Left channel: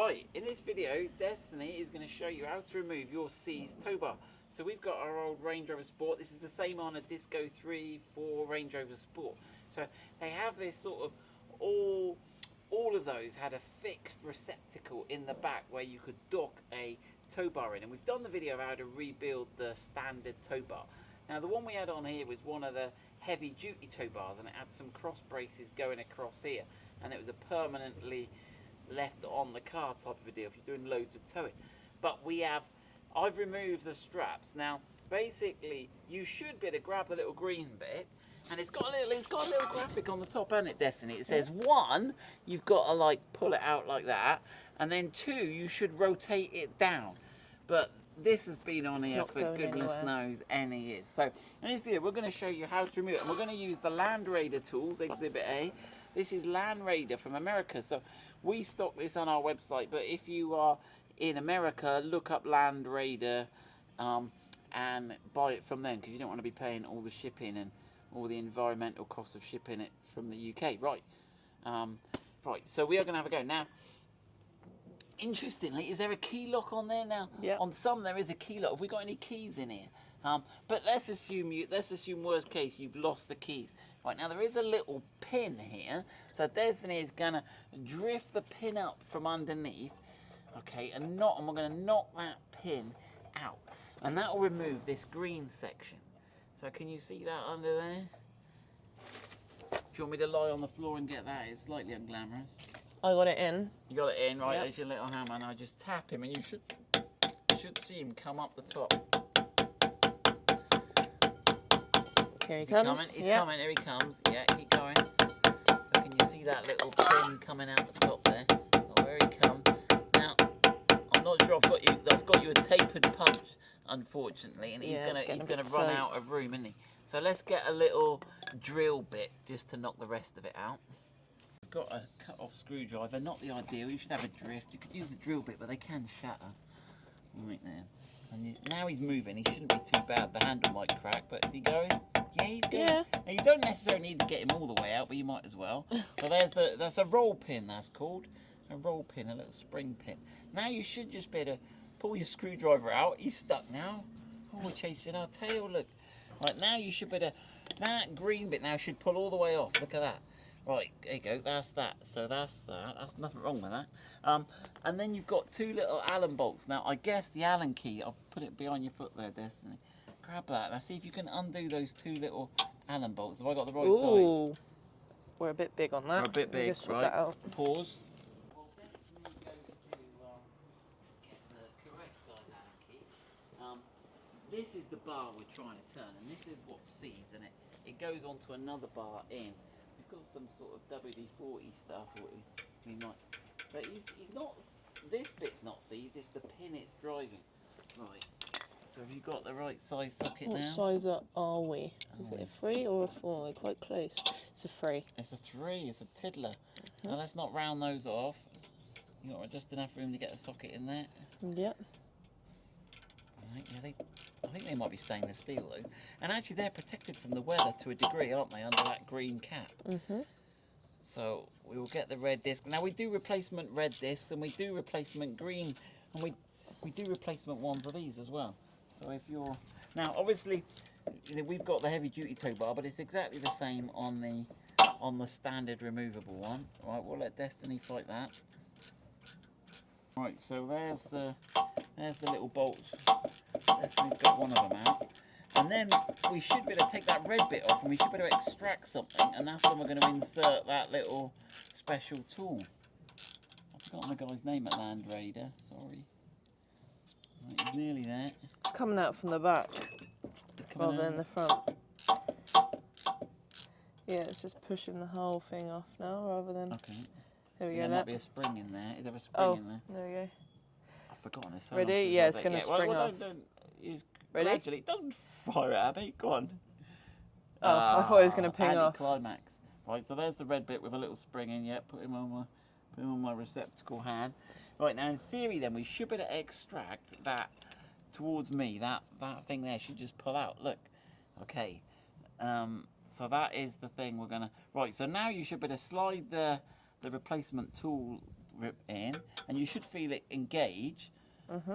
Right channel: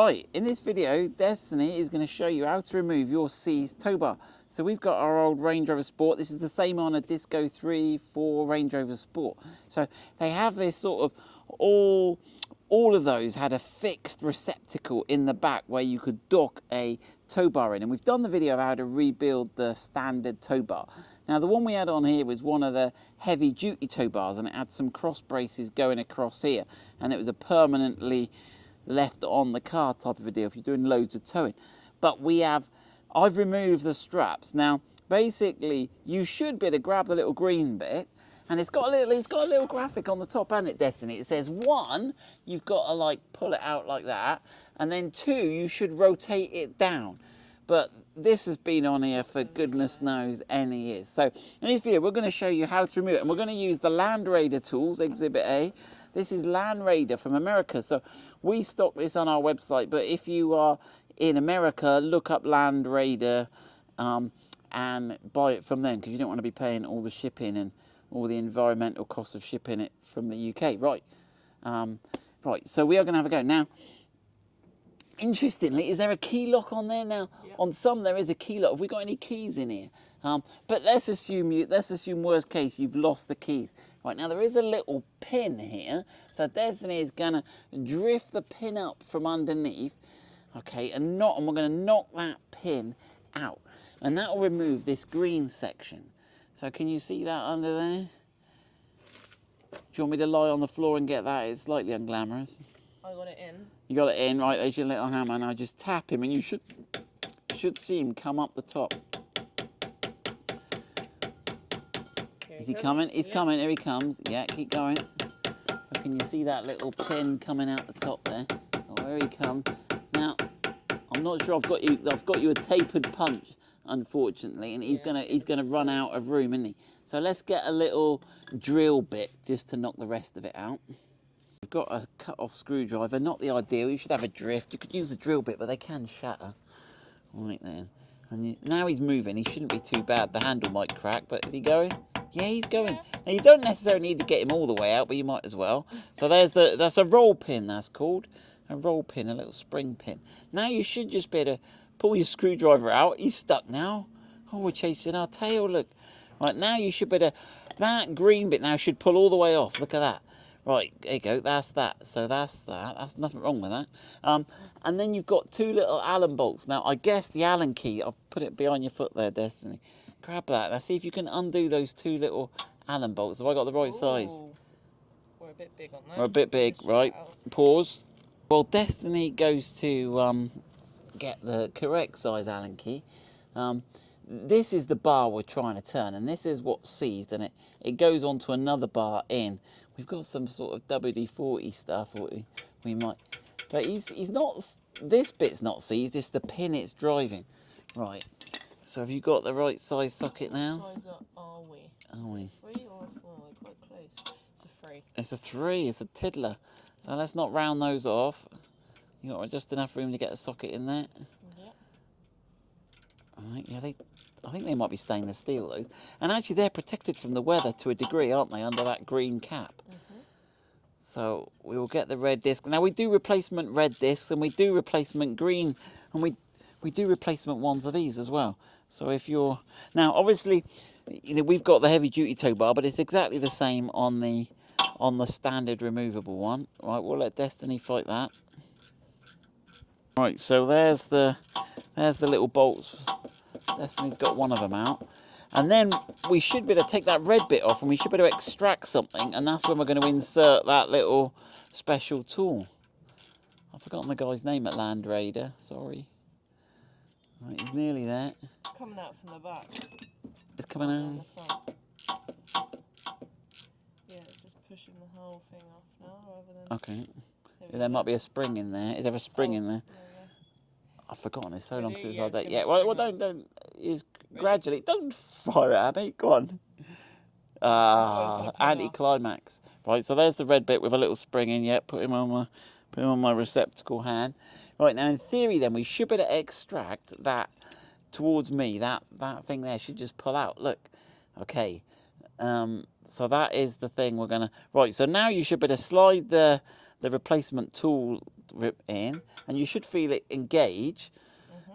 Right, in this video, Destiny is going to show you how to remove your seized tow bar. So we've got our old Range Rover Sport. This is the same on a Disco 3, 4 Range Rover Sport. So they have this sort of, all of those had a fixed receptacle in the back where you could dock a tow bar in. And we've done the video of how to rebuild the standard tow bar. Now the one we had on here was one of the heavy duty tow bars, and it had some cross braces going across here. And it was a permanently left on the car type of a deal if you're doing loads of towing. But I've removed the straps. Now basically you should be able to grab the little green bit, and it's got a little graphic on the top, hasn't it, Destiny? It says 1, you've got to like pull it out like that, and then 2, you should rotate it down. But this has been on here for goodness knows any years. So in this video we're going to show you how to remove it, and we're going to use the LandRader tools, Exhibit A. This is LandRader from America. So we stock this on our website, but if you are in America, look up LandRader and buy it from them, because you don't want to be paying all the shipping and all the environmental costs of shipping it from the UK. Right, right. So we are going to have a go now. Interestingly, is there a key lock on there now? Yep. On some there is a key lock. Have we got any keys in here? But let's assume worst case you've lost the keys. Right, now there is a little pin here, so Destiny is going to drift the pin up from underneath, okay, and we're going to knock that pin out, and that will remove this green section. So can you see that under there? Do you want me to lie on the floor and get that? It's slightly unglamorous. I got it in. You got it in, right? There's your little hammer. Now just tap him, and you should see him come up the top. Here Is he coming? He's coming. Here he comes. Yeah, keep going. Can you see that little pin coming out the top there? Oh, here he comes. Now, I'm not sure I've got you a tapered punch, unfortunately, and he's gonna run out of room, isn't he? So let's get a little drill bit just to knock the rest of it out. We've got a cut-off screwdriver. Not the ideal. You should have a drift. You could use a drill bit, but they can shatter. Right then. And now he's moving. He shouldn't be too bad. The handle might crack, but is he going? Yeah, he's going. Yeah. Now you don't necessarily need to get him all the way out, but you might as well. So that's a roll pin, that's called. A roll pin, a little spring pin. Now you should just be able to pull your screwdriver out. He's stuck now. Oh, we're chasing our tail, look. Right, now you should be able to, that green bit now should pull all the way off. Look at that. Right, there you go, that's that. So that's that. That's nothing wrong with that. And then you've got 2 little Allen bolts. Now, I guess the Allen key, I'll put it behind your foot there, Destiny. Grab that. Now, see if you can undo those 2 little Allen bolts. Have I got the right size? We're a bit big on that. We're a bit big, right? Pause. Well, Destiny goes to get the correct size Allen key. This is the bar we're trying to turn, and this is what's seized, and it goes onto another bar in. We've got some sort of WD-40 stuff, we might, but he's not. This bit's not seized. It's the pin it's driving. Right. So have you got the right size socket now? What size are we? Is it a 3 or a 4? We're quite close. It's a 3. It's a 3. It's a tiddler. So let's not round those off. You got just enough room to get a socket in there. Yep. Right. Yeah, I think they might be stainless steel, those. And actually, they're protected from the weather to a degree, aren't they, under that green cap? Mm-hmm. So we will get the red disc. Now, we do replacement red discs, and we do replacement green, and we do replacement ones of these as well. So if you're... Now, obviously, you know, we've got the heavy-duty tow bar, but it's exactly the same on the standard removable one. Right, we'll let Destiny fight that. Right, so there's the little bolts. Destiny's got one of them out. And then we should be able to take that red bit off, and we should be able to extract something, and that's when we're going to insert that little special tool. I've forgotten the guy's name at LandRader, sorry. Right, he's nearly there. It's coming out from the back. It's coming out. In the front. Yeah, it's just pushing the whole thing off now, rather than... Okay. There might be a spring in there. Is there a spring in there? There you go. I've forgotten it so Ready? long since Yeah, I it's did. gonna Yeah, spring well, off. don't. Ready? Gradually. Don't fire it at me. Go on. I thought it was going to ping off. Anti-climax. Right, so there's the red bit with a little spring in. Yeah, put him on my receptacle hand. Right, now in theory, then we should be able to extract that towards me. That thing there should just pull out. Look. Okay. So that is the thing we're gonna. Right. So now you should be able to slide the the replacement tool in, and you should feel it engage.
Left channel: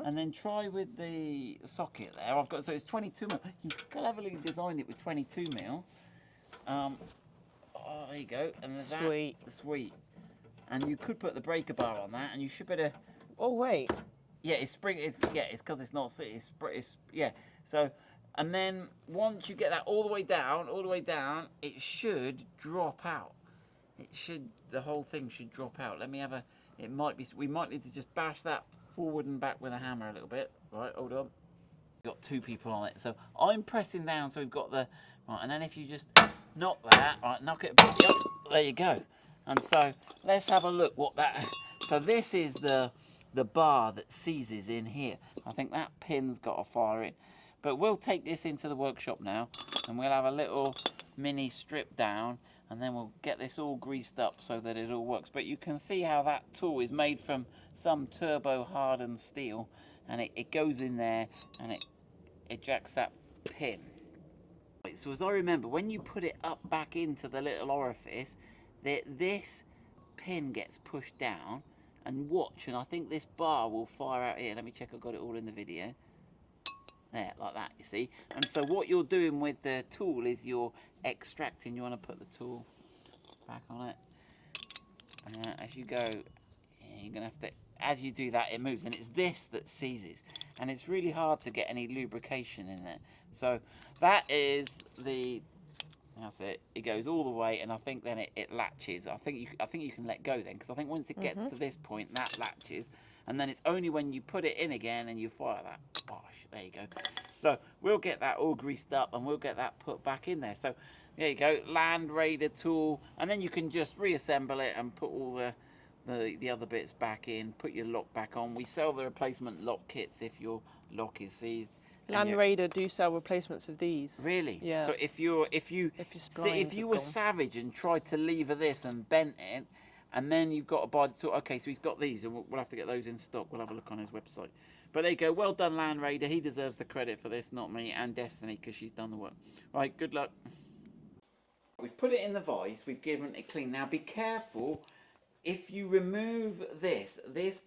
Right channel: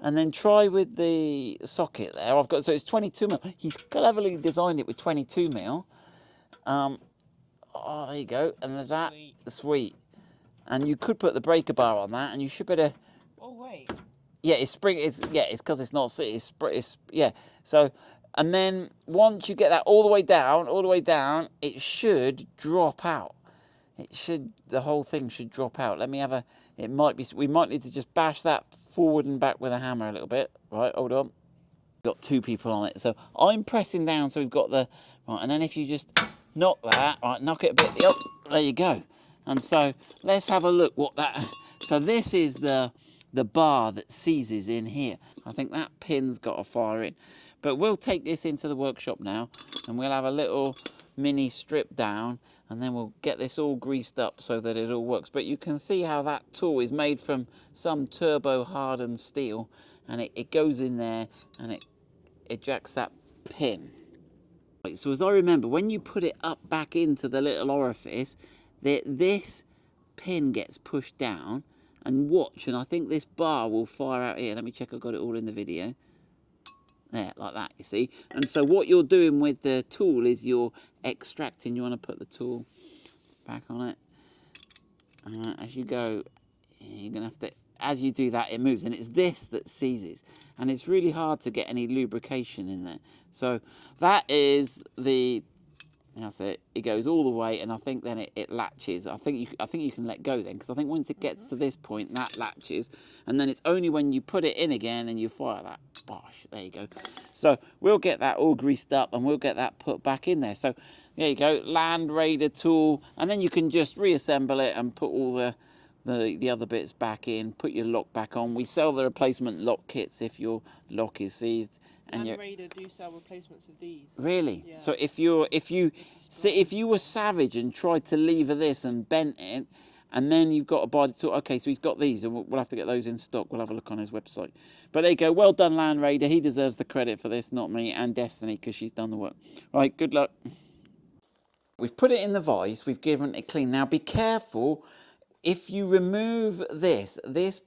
And then try with the socket there. I've got, so it's 22mm. He's cleverly designed it with 22mm. Oh, there you go. And there's Sweet. that. Sweet. And you could put the breaker bar on that, and you should better. Oh wait. Yeah, it's spring. It's because it's not. It's yeah. So, and then once you get that all the way down, it should drop out. The whole thing should drop out. Let me have a. It might be. We might need to just bash that forward and back with a hammer a little bit. Right, hold on. We've got two people on it, so I'm pressing down. So we've got the right, and then if you just knock that, right, knock it a bit. Oh, there you go. And so let's have a look what that. So this is the bar that seizes in here. I think that pin's got a fire in. But we'll take this into the workshop now, and we'll have a little mini strip down, and then we'll get this all greased up so that it all works. But you can see how that tool is made from some turbo hardened steel, and it goes in there and it ejects that pin. Right, so as I remember, when you put it up back into the little orifice, this pin gets pushed down, and watch, and I think this bar will fire out here. Let me check I've got it all in the video. There, like that, you see. And so what you're doing with the tool is you're extracting. You want to put the tool back on it. As you go, you're going to have to, as you do that, it moves. And it's this that seizes. And it's really hard to get any lubrication in there. So that is the, that's it. It goes all the way, and I think then it latches. I think you can let go then, because I think once it gets to this point, that latches. And then it's only when you put it in again and you fire that. Bosh, there you go. So we'll get that all greased up, and we'll get that put back in there. So there you go, LandRader tool, and then you can just reassemble it and put all the other bits back in, put your lock back on. We sell the replacement lock kits if your lock is seized. LandRader do sell replacements of these. Really? Yeah. So if you were savage and tried to lever this and bent it, and then you've got to buy the tool. Okay, so he's got these, and we'll have to get those in stock. We'll have a look on his website. But there you go. Well done, LandRader. He deserves the credit for this, not me, and Destiny, because she's done the work. Right, good luck. We've put it in the vise. We've given it clean. Now, be careful. If you remove this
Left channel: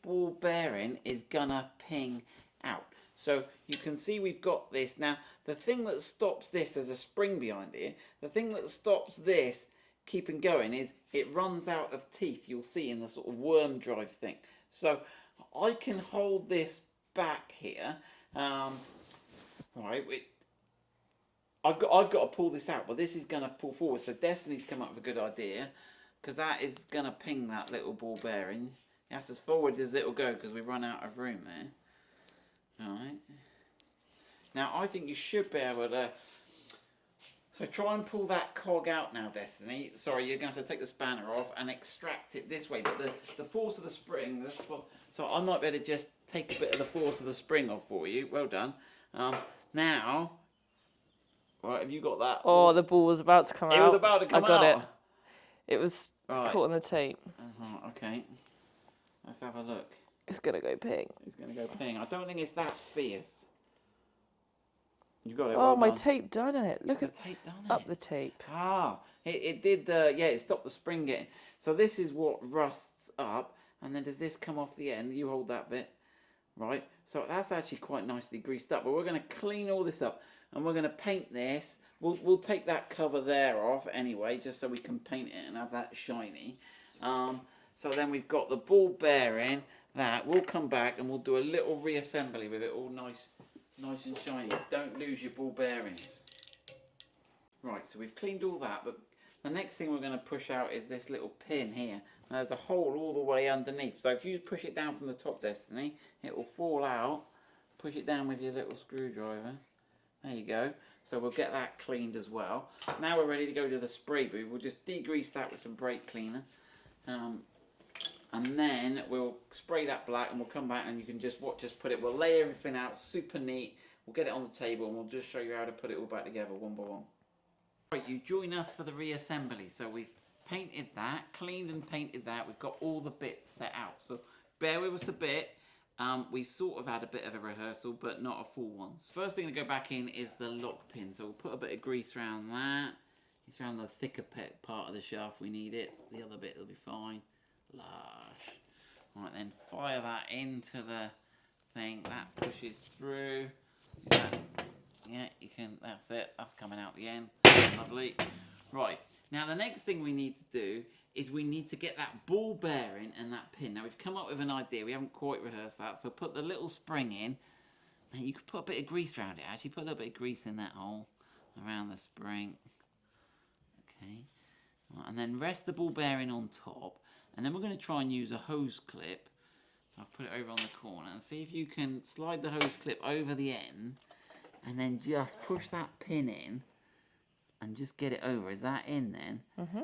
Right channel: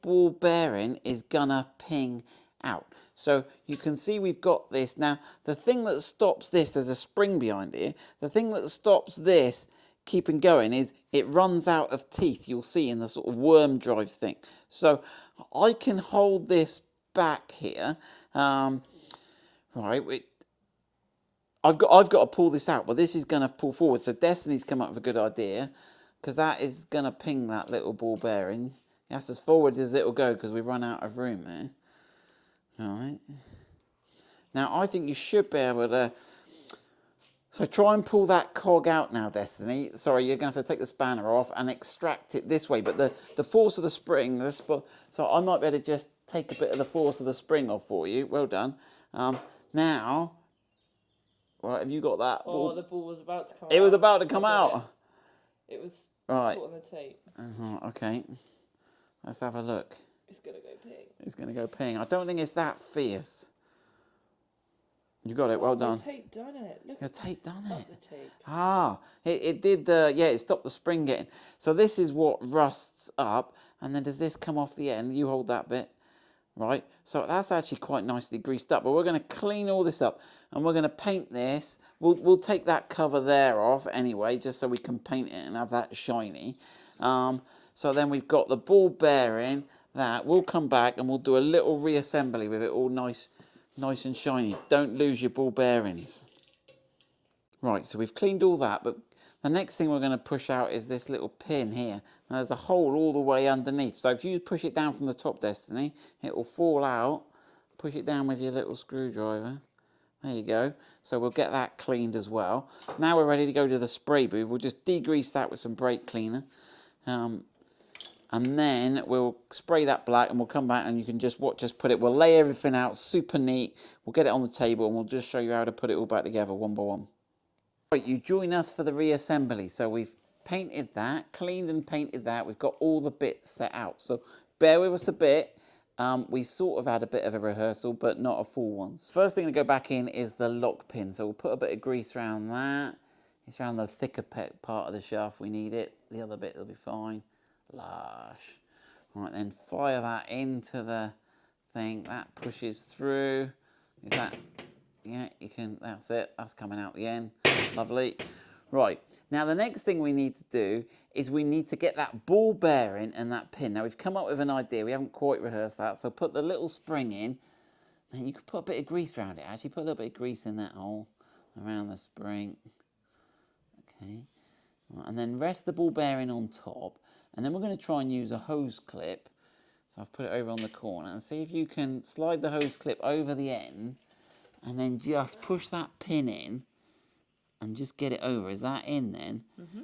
ball bearing is gonna ping out. So you can see we've got this. Now, the thing that stops this, there's a spring behind here. The thing that stops this keeping going is it runs out of teeth. You'll see in the sort of worm drive thing. So I can hold this back here. Right, I've got to pull this out, but this is going to pull forward. So Destiny's come up with a good idea, because that is going to ping that little ball bearing. That's as forward as it'll go, because we've run out of room there. All right. Now, I think you should be able to... So try and pull that cog out now, Destiny. Sorry, you're going to have to take the spanner off and extract it this way. But the force of the spring... So I might be able to just take a bit of the force of the spring off for you. Well done. Now... Right, have you got that? Oh, the ball was about to come out. It was about to come out. It was caught on the tape. Okay. Let's have a look. It's going to go ping. It's going to go ping. I don't think it's that fierce. You got it, Oh, well done. my tape done it. Look at the tape done it. Up the tape. Ah, it did the, yeah, it stopped the spring getting. So this is what rusts up, and then does this come off the end? You hold that bit, right? So that's actually quite nicely greased up, but we're going to clean all this up, and we're going to paint this. We'll take that cover there off anyway, just so we can paint it and have that shiny. So then we've got the ball bearing. Now we'll come back and we'll do a little reassembly with it all nice and shiny. Don't lose your ball bearings. Right, so we've cleaned all that, but the next thing we're going to push out is this little pin here. Now, there's a hole all the way underneath. So if you push it down from the top, Destiny, it will fall out. Push it down with your little screwdriver. There you go. So we'll get that cleaned as well. Now we're ready to go to the spray booth. We'll just degrease that with some brake cleaner. And then we'll spray that black, and we'll come back and you can just watch us put it. We'll lay everything out super neat. We'll get it on the table and we'll just show you how to put it all back together one by one. Right, you join us for the reassembly. So we've painted that, cleaned and painted that. We've got all the bits set out. So bear with us a bit. We've sort of had a bit of a rehearsal, but not a full one. First thing to go back in is the lock pin. So we'll put a bit of grease around that. It's around the thicker part of the shaft we need it. The other bit will be fine. Lush. All right, then fire that into the thing. That pushes through. Is that? Yeah, you can. That's it. That's coming out the end. Lovely. Right. Now the next thing we need to do is we need to get that ball bearing and that pin. Now we've come up with an idea. We haven't quite rehearsed that. So put the little spring in. And you could put a bit of grease around it. Actually, put a little bit of grease in that hole around the spring. Okay. Right, and then rest the ball bearing on top. And then we're going to try and use a hose clip. So I've put it over on the corner and see if you can slide the hose clip over the end and then just push that pin in and just get it over. Is that in then?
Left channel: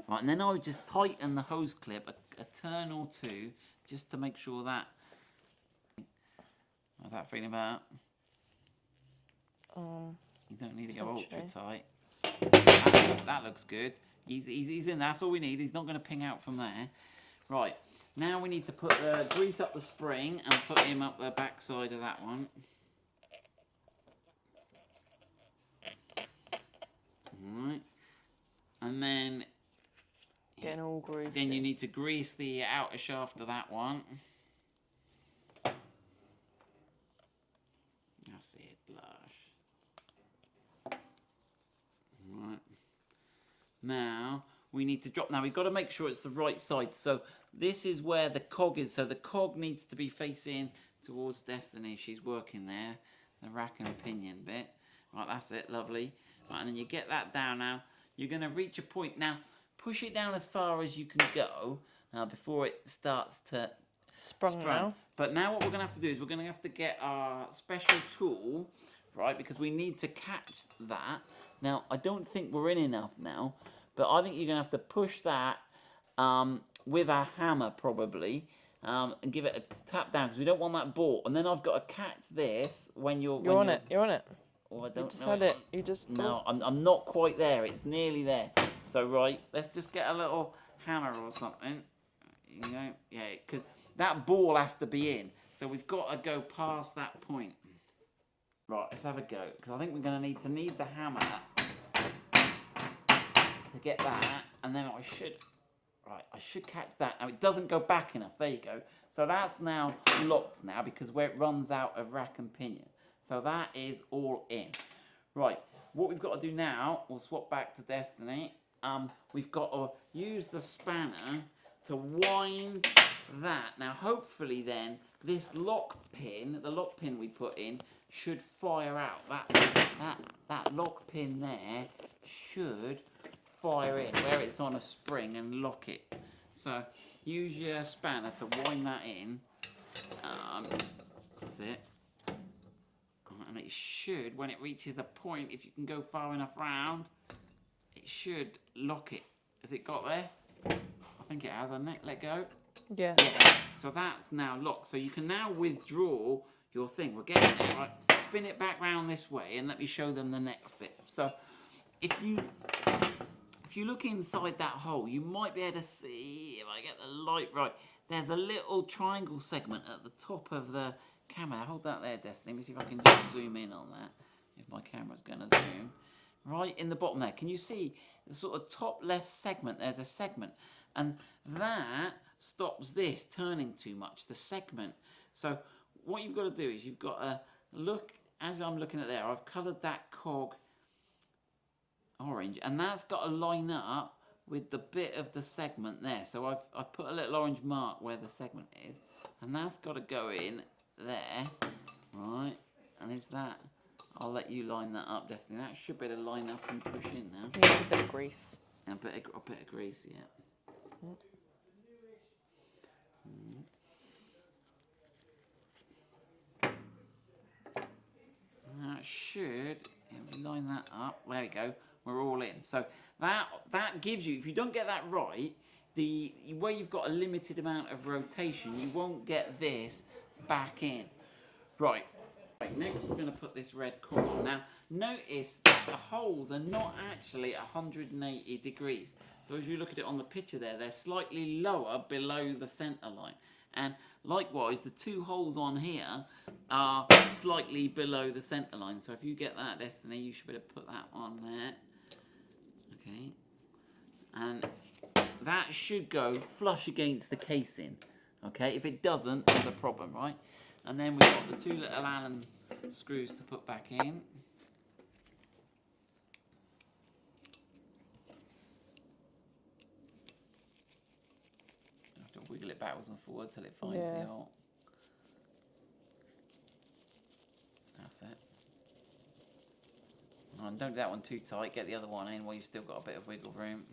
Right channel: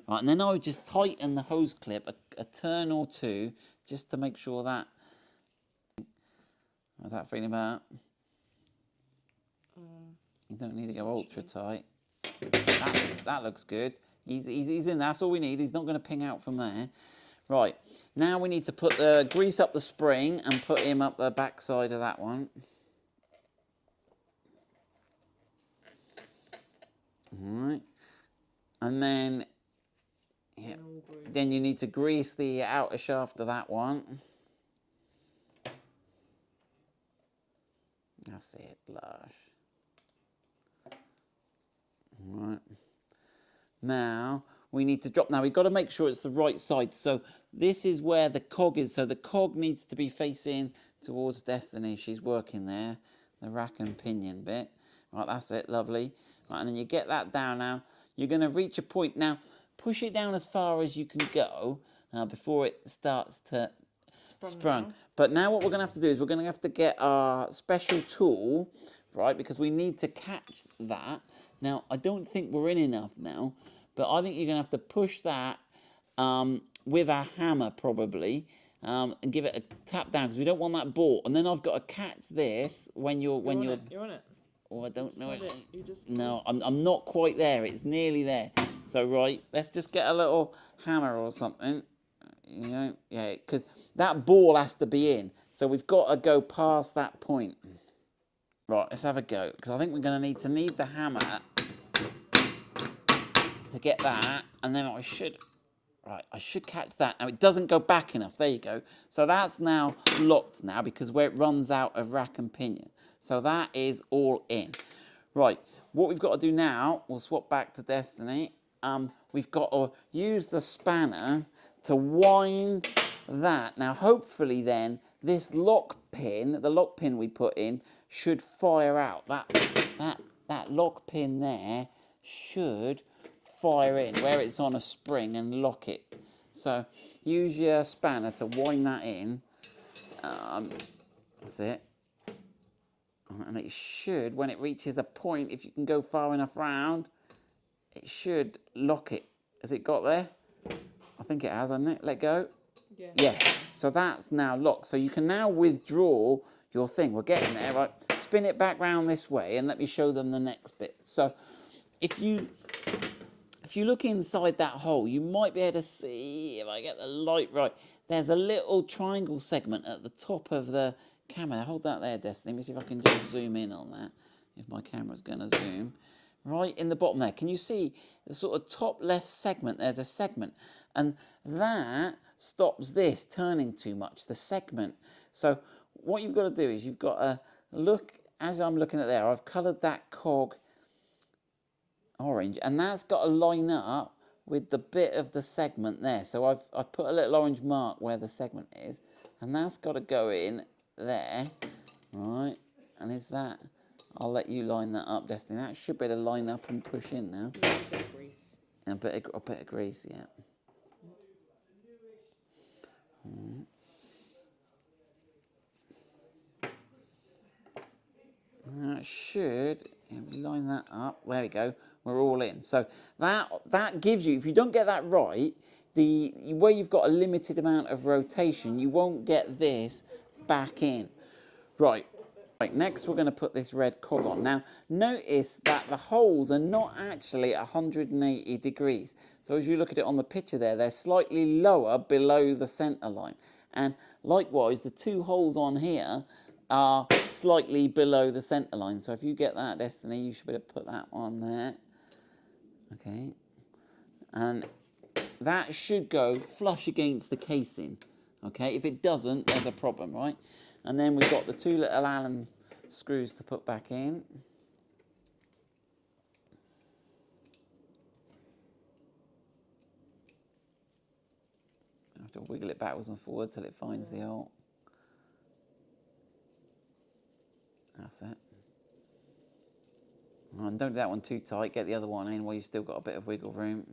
Right, and then I would just tighten the hose clip a turn or two just to make sure that. How's that feeling about? You don't need to go ultra tight. That looks good. He's in. That's all we need. He's not going to ping out from there. Right, now we need to put the grease up the spring and put him up the back side of that one. All right, and then then you need to grease the outer shaft of that one. That's it, lush. All right. Now we need to drop. Now we've got to make sure it's the right side. So this is where the cog is. So the cog needs to be facing towards Destiny. She's working there, the rack and pinion bit. Right, that's it, lovely. Right, and then you get that down now. You're going to reach a point. Now push it down as far as you can go before it starts to sprung. But now what we're going to have to do is we're going to have to get our special tool, right, because we need to catch that. Now, I don't think we're in enough now, but I think you're going to have to push that with a hammer probably and give it a tap down because we don't want that ball. And then I've got to catch this when you're on it. You're on it. Oh, I don't just know. Had it. You just no, I'm not quite there. It's nearly there. So right, let's just get a little hammer or something. You know, yeah, because that ball has to be in. So we've got to go past that point. Right, let's have a go because I think we're going to need the hammer to get that, and then I should catch that. Now it doesn't go back enough. There you go. So that's now locked now because where it runs out of rack and pinion. So that is all in. Right, what we've got to do now, we'll swap back to Destiny. We've got to use the spanner to wind that. Now hopefully then this lock pin, the lock pin we put in, should fire out. That lock pin there should fire in where it's on a spring and lock it. So use your spanner to wind that in. That's it. And it should, when it reaches a point, if you can go far enough round, it should lock it. Has it got there? I think it has, hasn't it? Let go. Yeah. Yeah. So that's now locked. So you can now withdraw your thing. We're getting there, right? Spin it back round this way and let me show them the next bit. So if you look inside that hole, you might be able to see, if I get the light right, there's a little triangle segment at the top of the camera. Hold that there, Destiny. Let me see if I can just zoom in on that, if my camera's going to zoom. Right in the bottom there, can you see the sort of top left segment? There's a segment, and that stops this turning too much, the segment. So what you've got to do is you've got to look, as I'm looking at there, I've coloured that cog orange, and that's got to line up with the bit of the segment there. So I've put a little orange mark where the segment is, and that's got to go in there, right? And is that? I'll let you line that up, Destiny. That should be able to line up and push in now. You need a bit of grease. And a bit of grease, yeah. That should, if we line that up, there we go, we're all in. So that gives you, if you don't get that right, where you've got a limited amount of rotation, you won't get this back in. Right, next we're going to put this red cog on. Now, notice that the holes are not actually 180 degrees. So as you look at it on the picture there, they're slightly lower below the centre line. And likewise, the two holes on here are slightly below the centre line. So if you get that, Destiny, you should be able to put that on there. Okay. And that should go flush against the casing. Okay, if it doesn't, there's a problem, right? And then we've got the 2 little Allen screws to put back in. I have to wiggle it backwards and forwards till it finds the hole. That's it. And don't do that one too tight, get the other one in while you've still got a bit of wiggle room.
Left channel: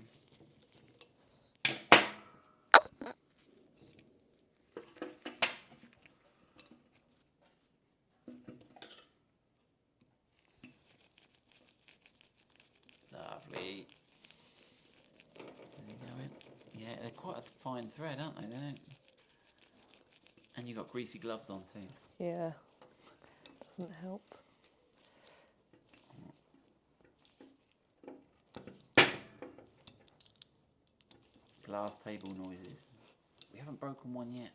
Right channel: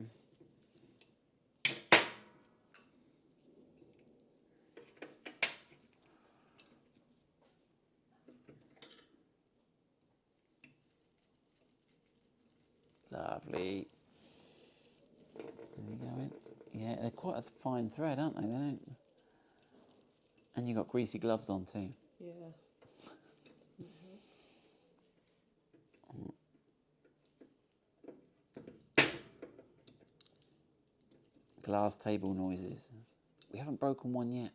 Lovely. Yeah, they're quite a fine thread, aren't they? They don't... And you've got greasy gloves on too. Yeah, doesn't help. Glass table noises. We haven't broken one yet.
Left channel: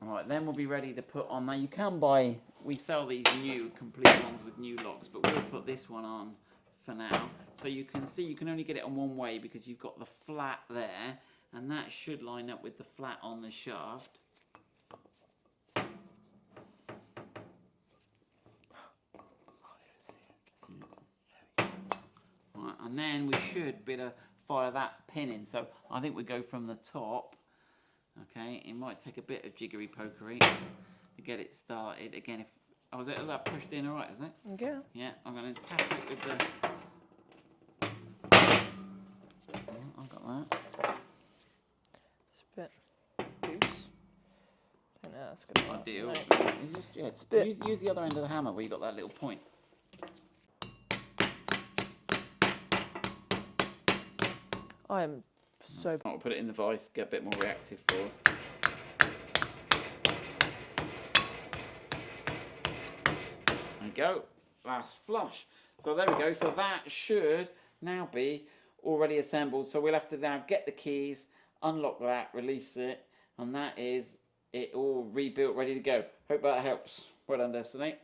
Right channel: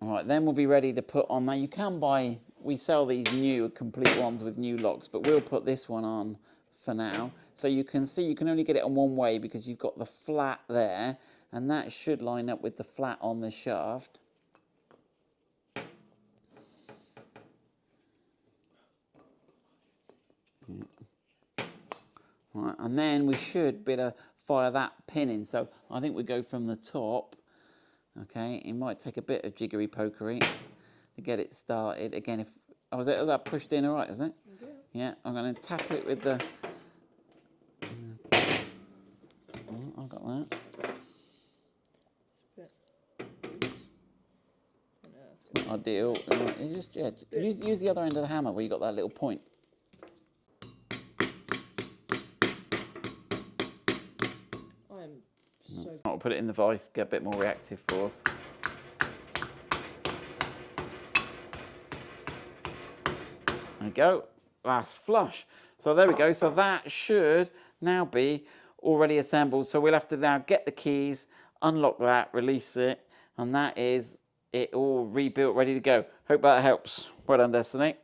All right, then we'll be ready to put on. Now you can buy, we sell these new complete ones with new locks, but we'll put this one on for now. So you can see you can only get it on one way because you've got the flat there, and that should line up with the flat on the shaft. Right, and then we should be able to fire that pin in. So I think we go from the top. Okay, it might take a bit of jiggery pokery to get it started. Again, if is that pushed in all right, is it? Yeah. Yeah, I'm going to tap it with the. I got that. It's a bit loose. I know that's good. Ideal. Use the other end of the hammer where you got that little point. I am so. I'll put it in the vise, get a bit more reactive force. There we go. That's flush. So there we go. So that should now be already assembled. So we'll have to now get the keys, unlock that, release it, and that is it all rebuilt, ready to go. Hope that helps. Well done, Destiny.